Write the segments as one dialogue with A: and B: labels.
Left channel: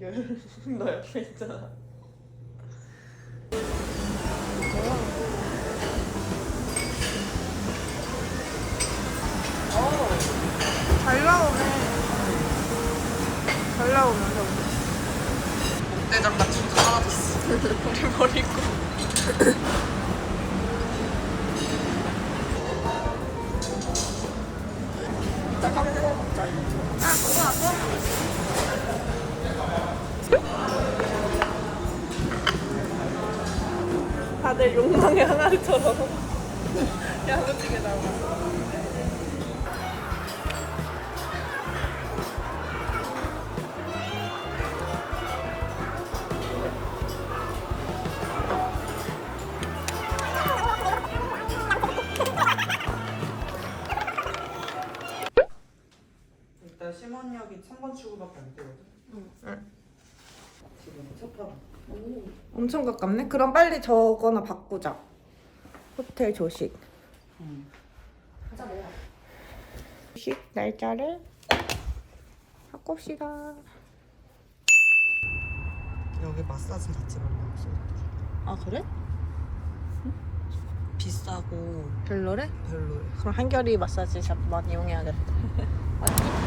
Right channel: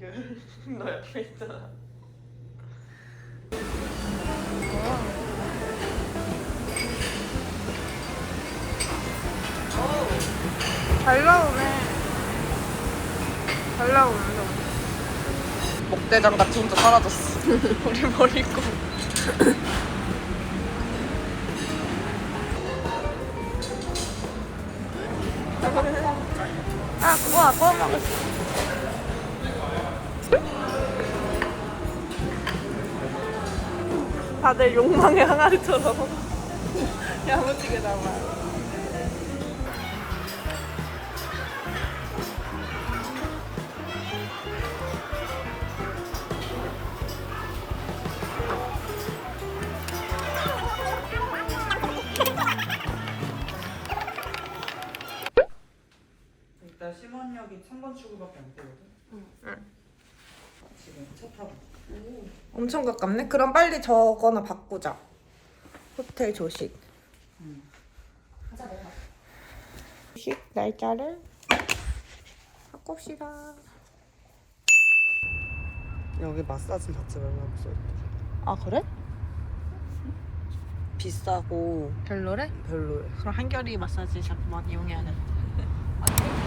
A: 민규 너 옆에 있잖아. 잘 나오네. 잘 나오는데 목대장 같이 혼자 사라졌어. 우리 버리고. 아 그거 아까 먹었어 다들 욕망의 항아리처럼 야무지게 나와
B: 일단 심원역이 3번 출구밖에 안 되거든.
A: 응.
B: 지금 차 타고.
A: 엄청 가깝네? 그럼 빨리 저거나 바꾸자 호텔 조식
B: 응.
A: 조식 날짜를 바꿉시다
B: 여기 마사지 받지 말라고.
A: 아 그래?
B: 비싸고
A: 별로래?
B: 별로야.
A: 그럼 한결이 마사지 샵 많이 이용해야겠다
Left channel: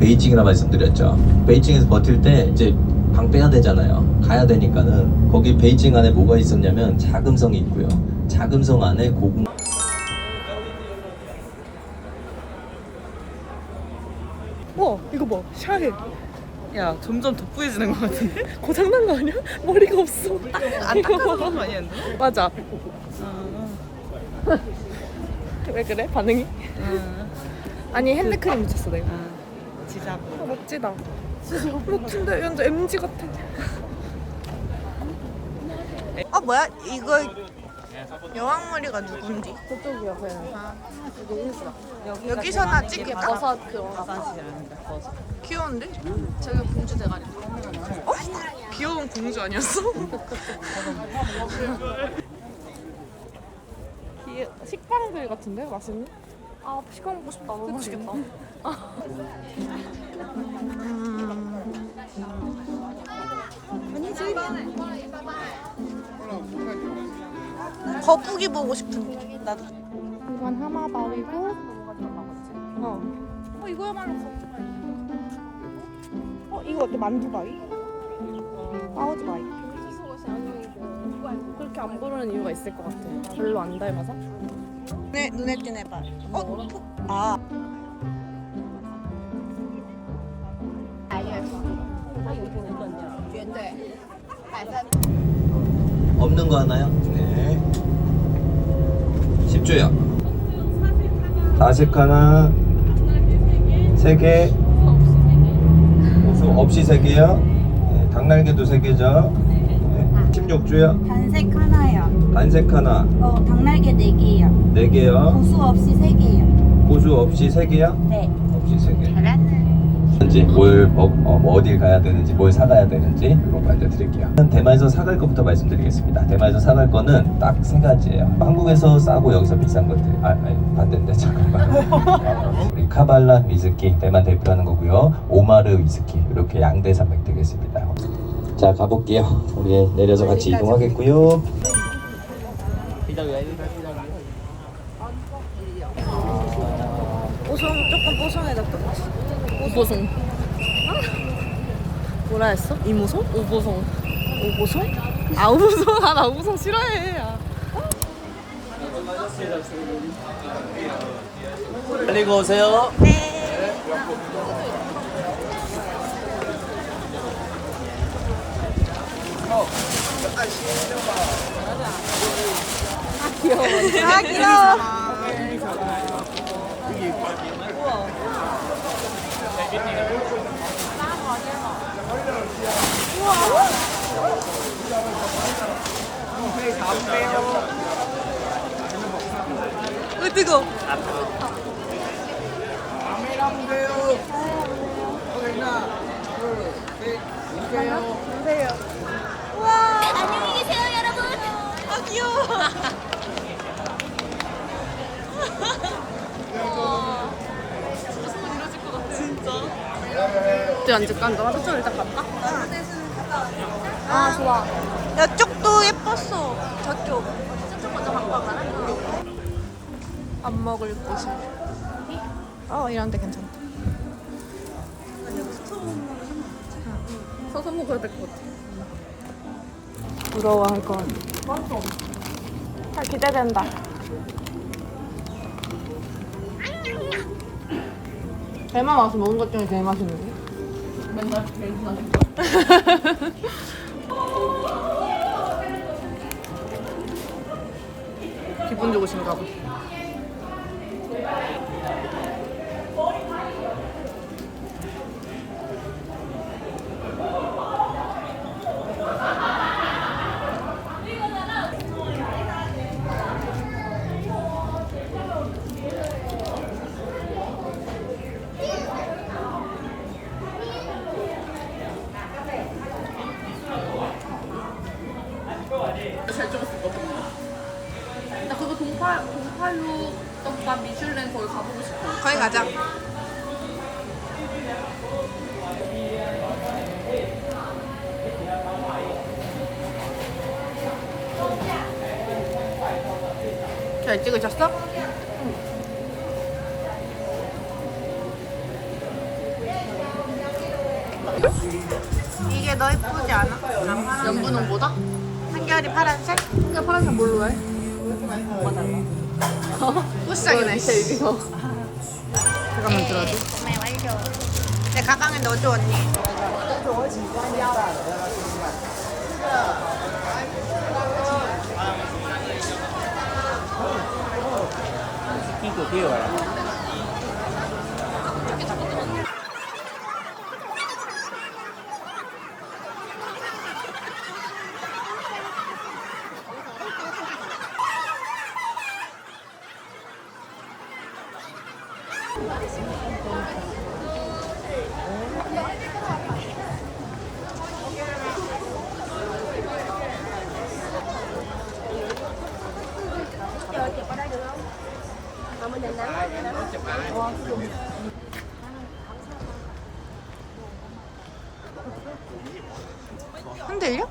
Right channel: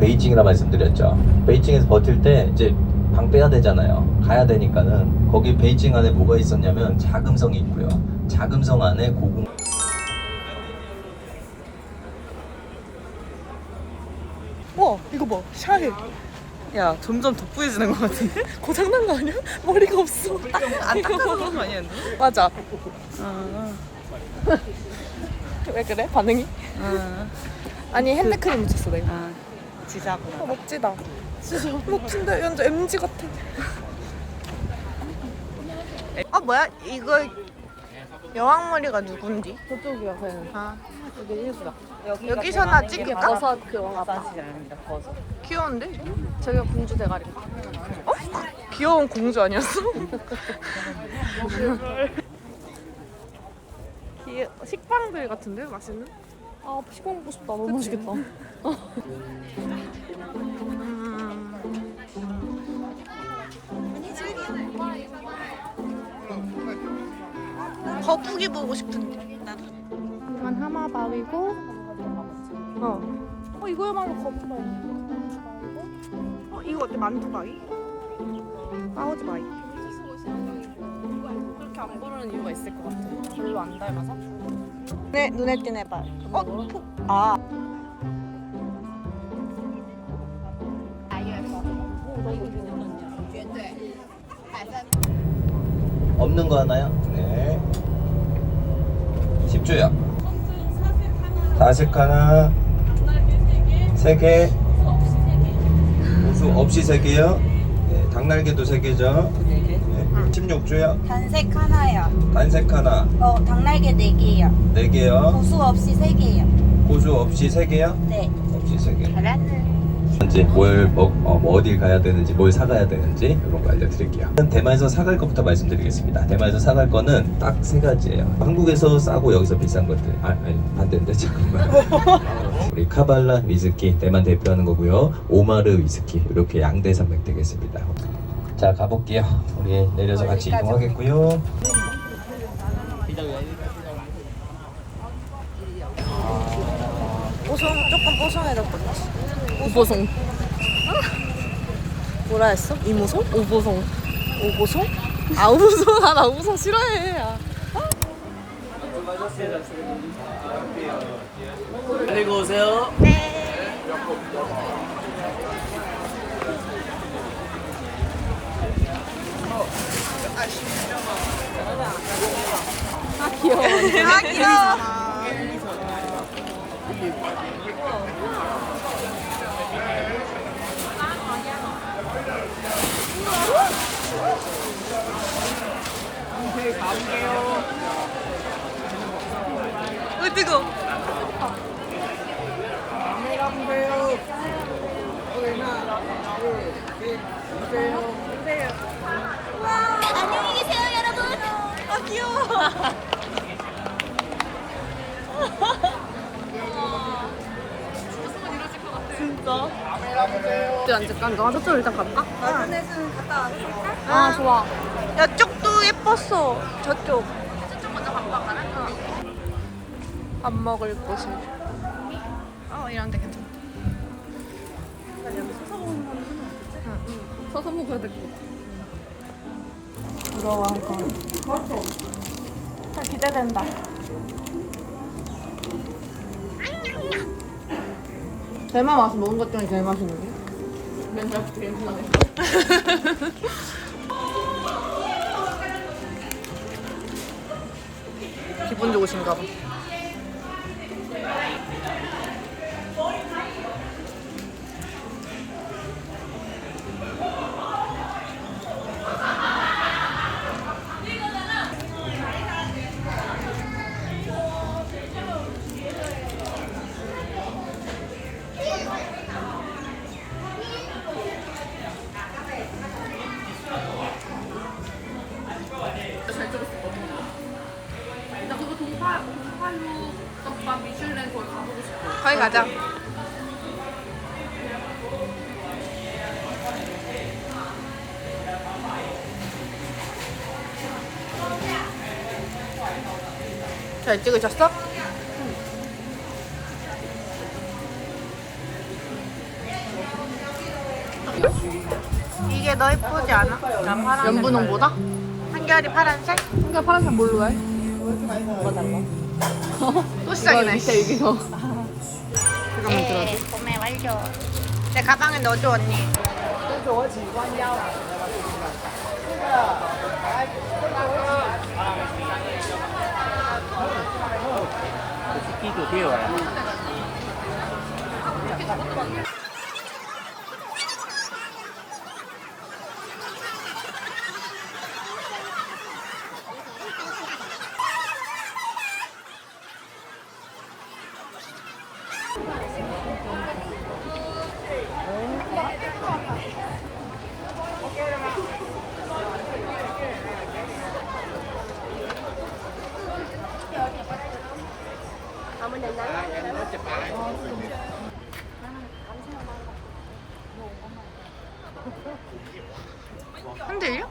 C: 베이징이라 말씀드렸죠. 베이징에서 버틸 때 이제 방 빼야 되잖아요. 가야 되니까는 거기 베이징 안에 뭐가 있었냐면 자금성이 있고요. 자금성 안에 고궁
A: 와 이거 봐 샤넬 야 점점 돋보여지는 것 같은데? 고장난 거 아니야? 머리가 없어 안 닦아서 그런 거 아니야? 맞아 왜 그래? 반응이? 아니 핸드크림 묻혔어 내가
B: 지사고.
A: 아, 멋지다 멋진데 완전 MG 같아 아 뭐야 이거 여왕머리가 누군지
D: 저쪽이요,
A: 그아
D: 여기 인스다.
A: 여기서 나 찍을까?
D: 버섯 그
B: 버섯.
A: 귀여운데?
D: 저희가 공주 대가리.
A: 어? 귀여운 공주 아니었어? 귀여... 식빵들 같은데 맛있는?
D: 아 시간 먹고 싶다. 너무 맛있겠다.
A: 음... 거북이 보고 싶은데 나도
D: 이건 하마바위고
A: 어. 어 이거야말로 거북이 어 이거 어때 만두바위? 빠오즈바위
D: 그렇게 안 고르는 이유가 있을 것 같아. 별로 안 닮아서.
A: 네 눈에 띄네 발 어? 포... 아
C: 없는 거 하나요? 네. 10조요. 다식 하나, 세 개, 수 없이 세 개요. 네, 닭날개도 세 개죠. 네. 16조요.
E: 단색 하나요.
C: 단색 하나,
E: 어, 닭날개 4개요.
C: 네 개요.
E: 고수 없이 3개요.
C: 고수 없이 세 개요.
E: 네.
C: 없이 세 개.
E: 잘하는.
C: 이제 뭘 먹, 어, 뭐 어딜 가야 되는지 뭘 사가야 되는지 이런 거 알려드릴게요. 대만에서 사갈 것부터 말씀드리겠습니다. 대만에서 사갈 거는 딱 세 가지예요. 한국에서 싸고 여기서 비싼 것들. 아, 아니, 반대인데 잠깐만. 우리 카발라 위스키 대만 대표하는 거고요. 오마르 위스키 이렇게 양대 산맥 되겠습니다. 자 가볼게요. 우리 내려서 같이 이동하겠고요.
A: 뽀송 조금 뽀송해졌던 것
D: 오보송.
A: 뭐라 했어? 이모송?
D: 오보송.
A: 오보송? 아 오보송 아나 오보송 싫어해 아.
F: 안녕히 가세요.
E: 안녕히 계세요, 여러분.
A: 아, 귀여워.
D: 어디 앉을까? 앉아. 저쪽 일단 갈까? 아, 좋아.
A: 이쪽도 예뻤어. 저쪽. 밥 먹을 곳을.
D: 어, 이런데 괜찮다. 서서 먹어야 될 것 같아. 부러워 한 건. 아, 기대된다. 대만 와서 먹은 것 중에 제일 맛있는데? 맨날 제일 맛있는
A: 기분 좋으신가 봐. 가자. 잘 찍으셨어? 이게 너 예쁘지 않아? 난 파란색.
D: 인분은 뭐다?
A: 한결이 파란색?
D: 근데 파란색 뭘로 해?
A: 소시장이네.
D: 여기 서.
A: 그거만 들어줘.
E: 구매 완료.
A: 내 가방에 넣어줘 언니. 흔들려?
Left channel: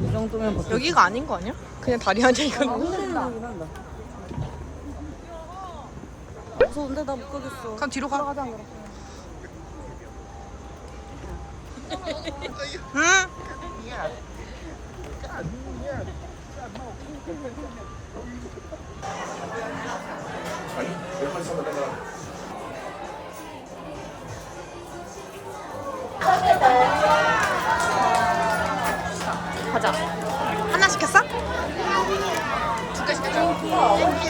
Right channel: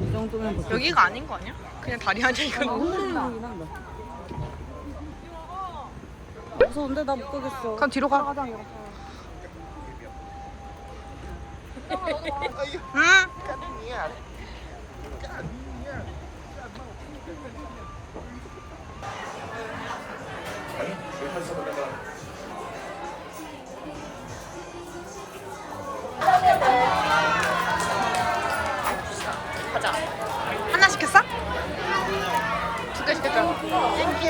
B: 이 정도면 뭐
A: 여기가 아닌 거 아니야? 그냥 다리 아니야 이건?
B: 무서운데 나 못 가겠어.
A: 그럼 뒤로 가. 응? 하나 시켰어? 두 개 시켰죠? 땡큐.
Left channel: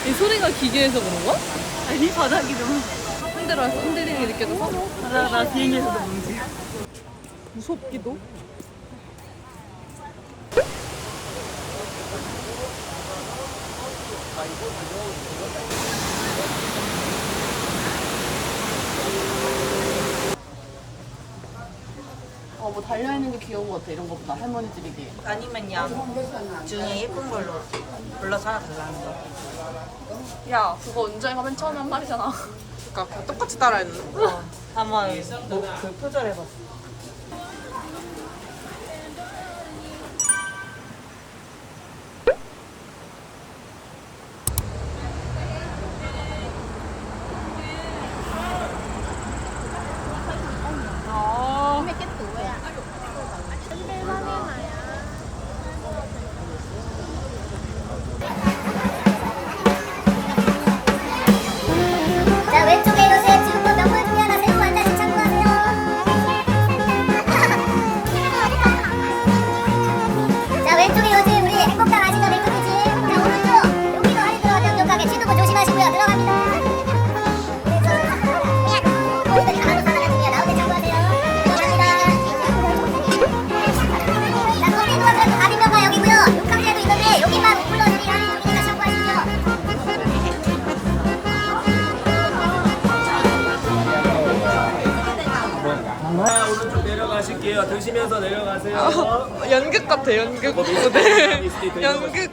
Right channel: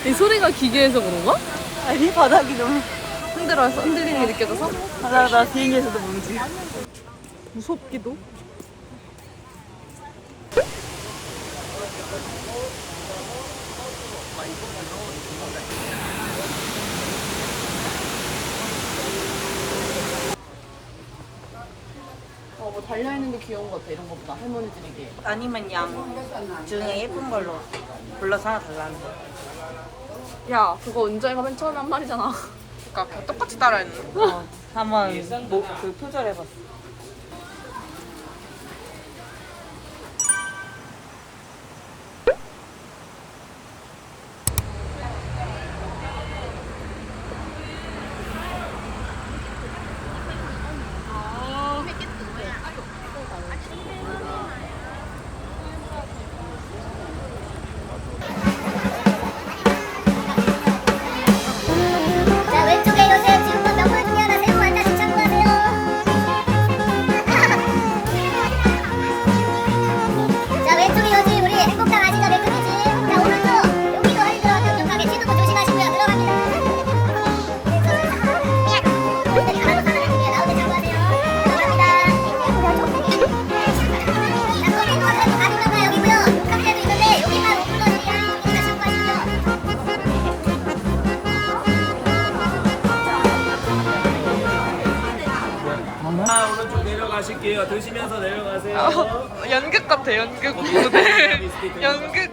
D: 이 소리가 기계에서 그런가?
A: 아니 바닥이 너무
D: 흔들어서 흔들리는 게 느껴져서?
A: 바닥 나 비행기에서도 움직여. 무섭기도.
D: 어, 뭐 달려있는 게 귀여운 것 같아, 이런 것보다. 할머니 집이게.
B: 아니면 양 중에 예쁜 걸로 골라서. 야,
D: 그거 은정이가 맨 처음에 한 말이잖아.
A: 그러니까 그냥 똑같이 따라했는데.
B: 한번 뭐, 그 표절해봤어.
F: 내려가 조심해서 내려가세요.
A: 아, 연극 같아 연극 무대. 연극.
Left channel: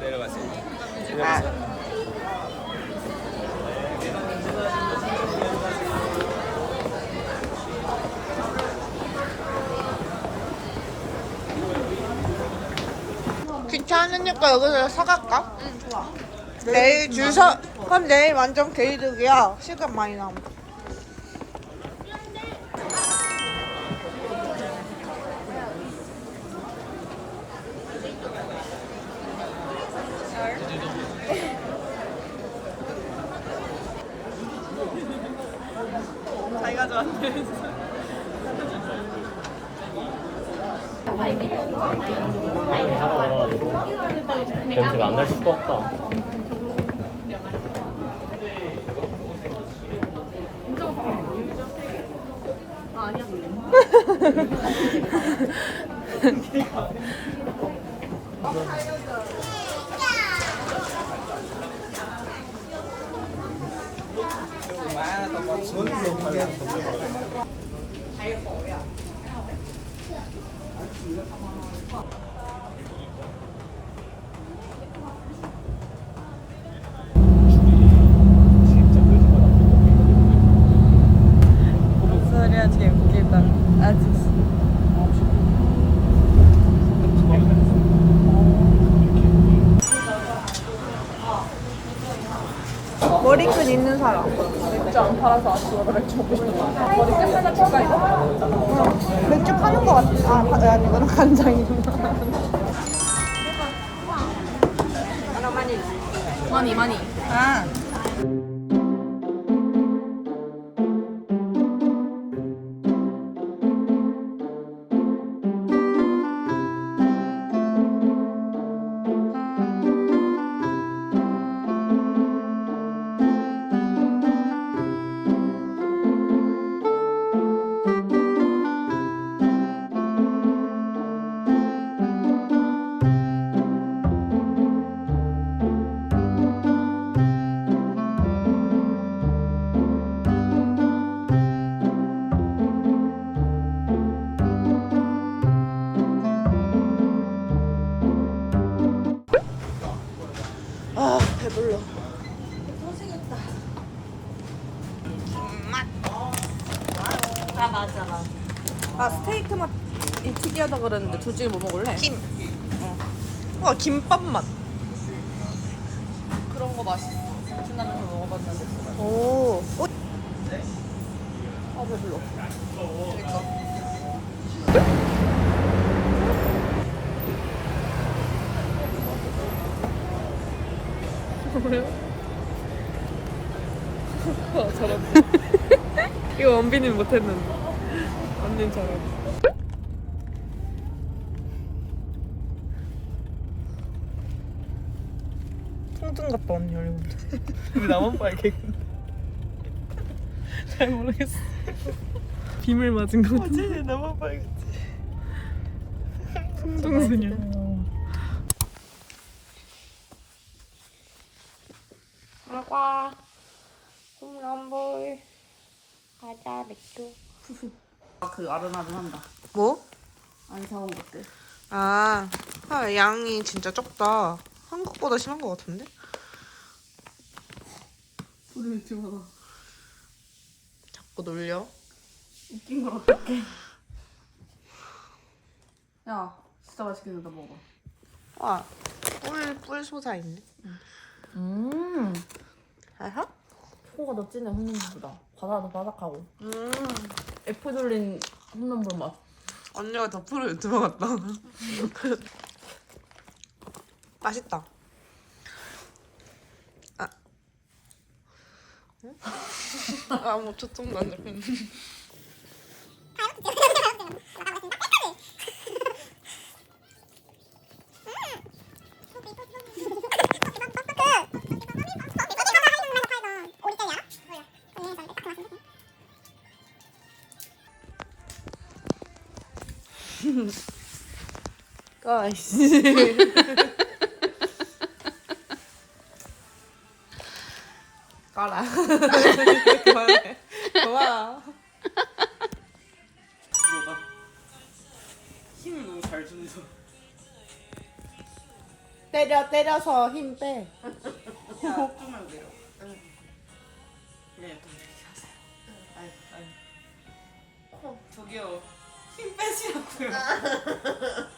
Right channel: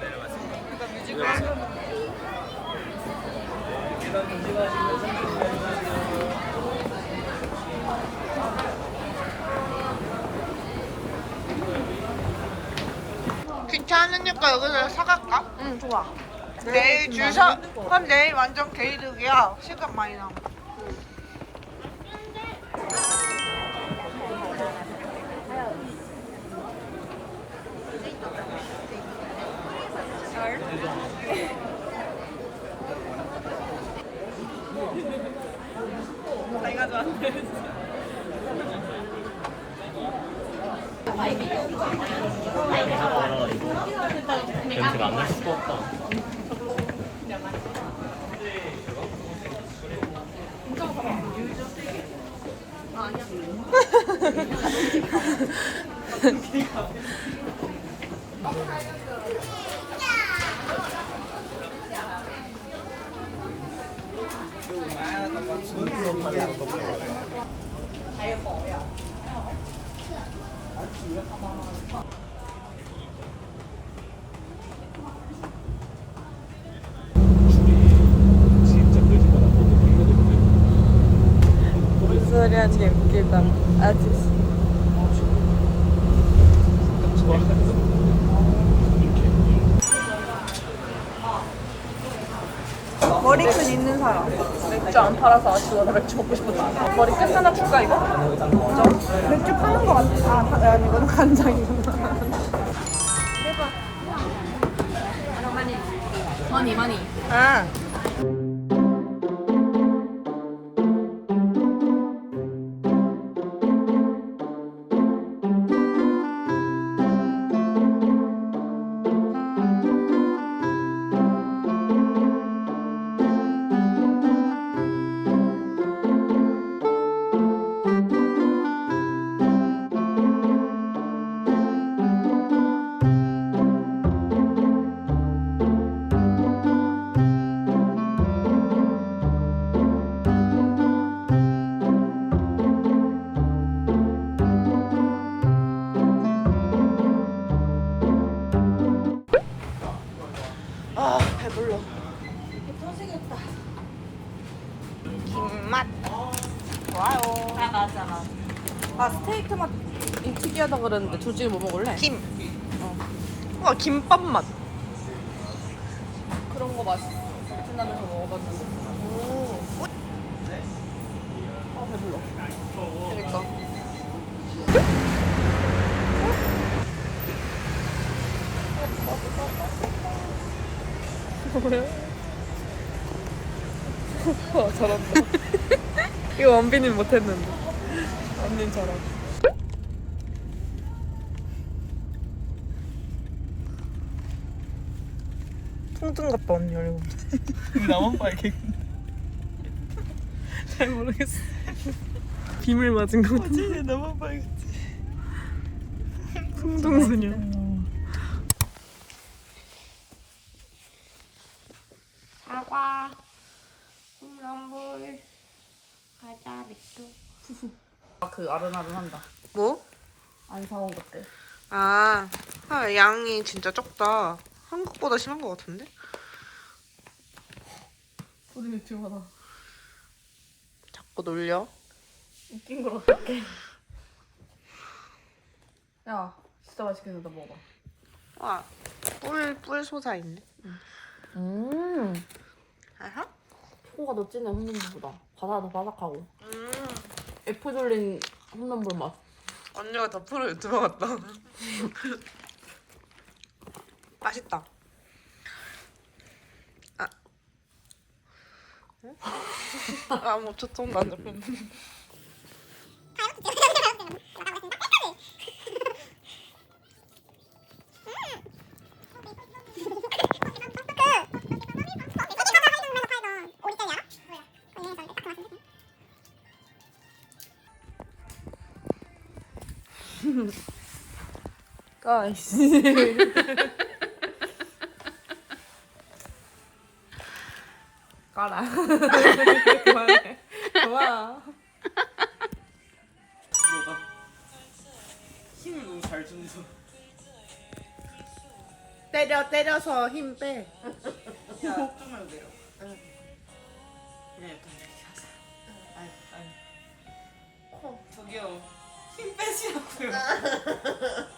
A: 귀찮으니까 여기서 사갈까? 응 좋아. 내일 줄 서, 그럼 내일 완전 개이득이야. 시간 많이 남아 자기가 좋아하는
F: 냄새가 안 날 수가 없다. 진짜
A: 하지 웃기다 아저씨 머리끈 있는 사람 맥주 안 팔아서 맥주 먹고 싶어 머리끈 하나 줄까 이거? 어 맥주 파는 거 같아 아 파, 아니 이거는 간장이구나
D: 많이 많이.
A: 아. 아
D: 조지 뭐 먹을래?
A: 김와 김밥 맛
D: 그런 거 맛있어. 베트남에서 먹어봤는데.
A: 오.
D: 아 배불러.
A: 그러니까. 뭐래요? 와 잘한다. 이거 원빈이 못했는데. 언니 잘한다. 통증 같다 언니 얼굴. 왜 나만 빨개? 잘 모르겠어. 김을 맞은 거 같아. 어제 나만 빨갛지. 풍동소녀.
E: 사과, 홈런볼, 과자, 맥주.
D: 그 아른아른 한다.
A: 뭐?
D: 안 사온 것들.
A: 아, 아, 양이 진짜 적다. 한국보다 심한 것 같은데?
D: 소리 맥주마다.
A: 자꾸 놀려.
D: 웃긴 걸 어떡해. 야, 진짜 맛있게 생겼다 먹어봐.
A: 와, 뿔, 뿔 솟아있네.
D: 음.
A: 알아?
D: 초코가 더 진해 홈런볼보다. 바다도 바삭하고.
A: 음,
D: 애플 돌린 홈런볼 맛.
A: 언니가 더 프로 유튜버 같다. 맛있다. 아. 응? 아, 뭐, 초점도 안 잡혔네. 아 까라. 그만해.
G: 고마워. 힘 너무 잘 주면서
A: 때려 때려서 힘 빼.
G: 야, 좀만 돼요. 그냥 약간 이렇게 하세요. 아유, 아유. 어. 저기요. 힘 빼시라고요.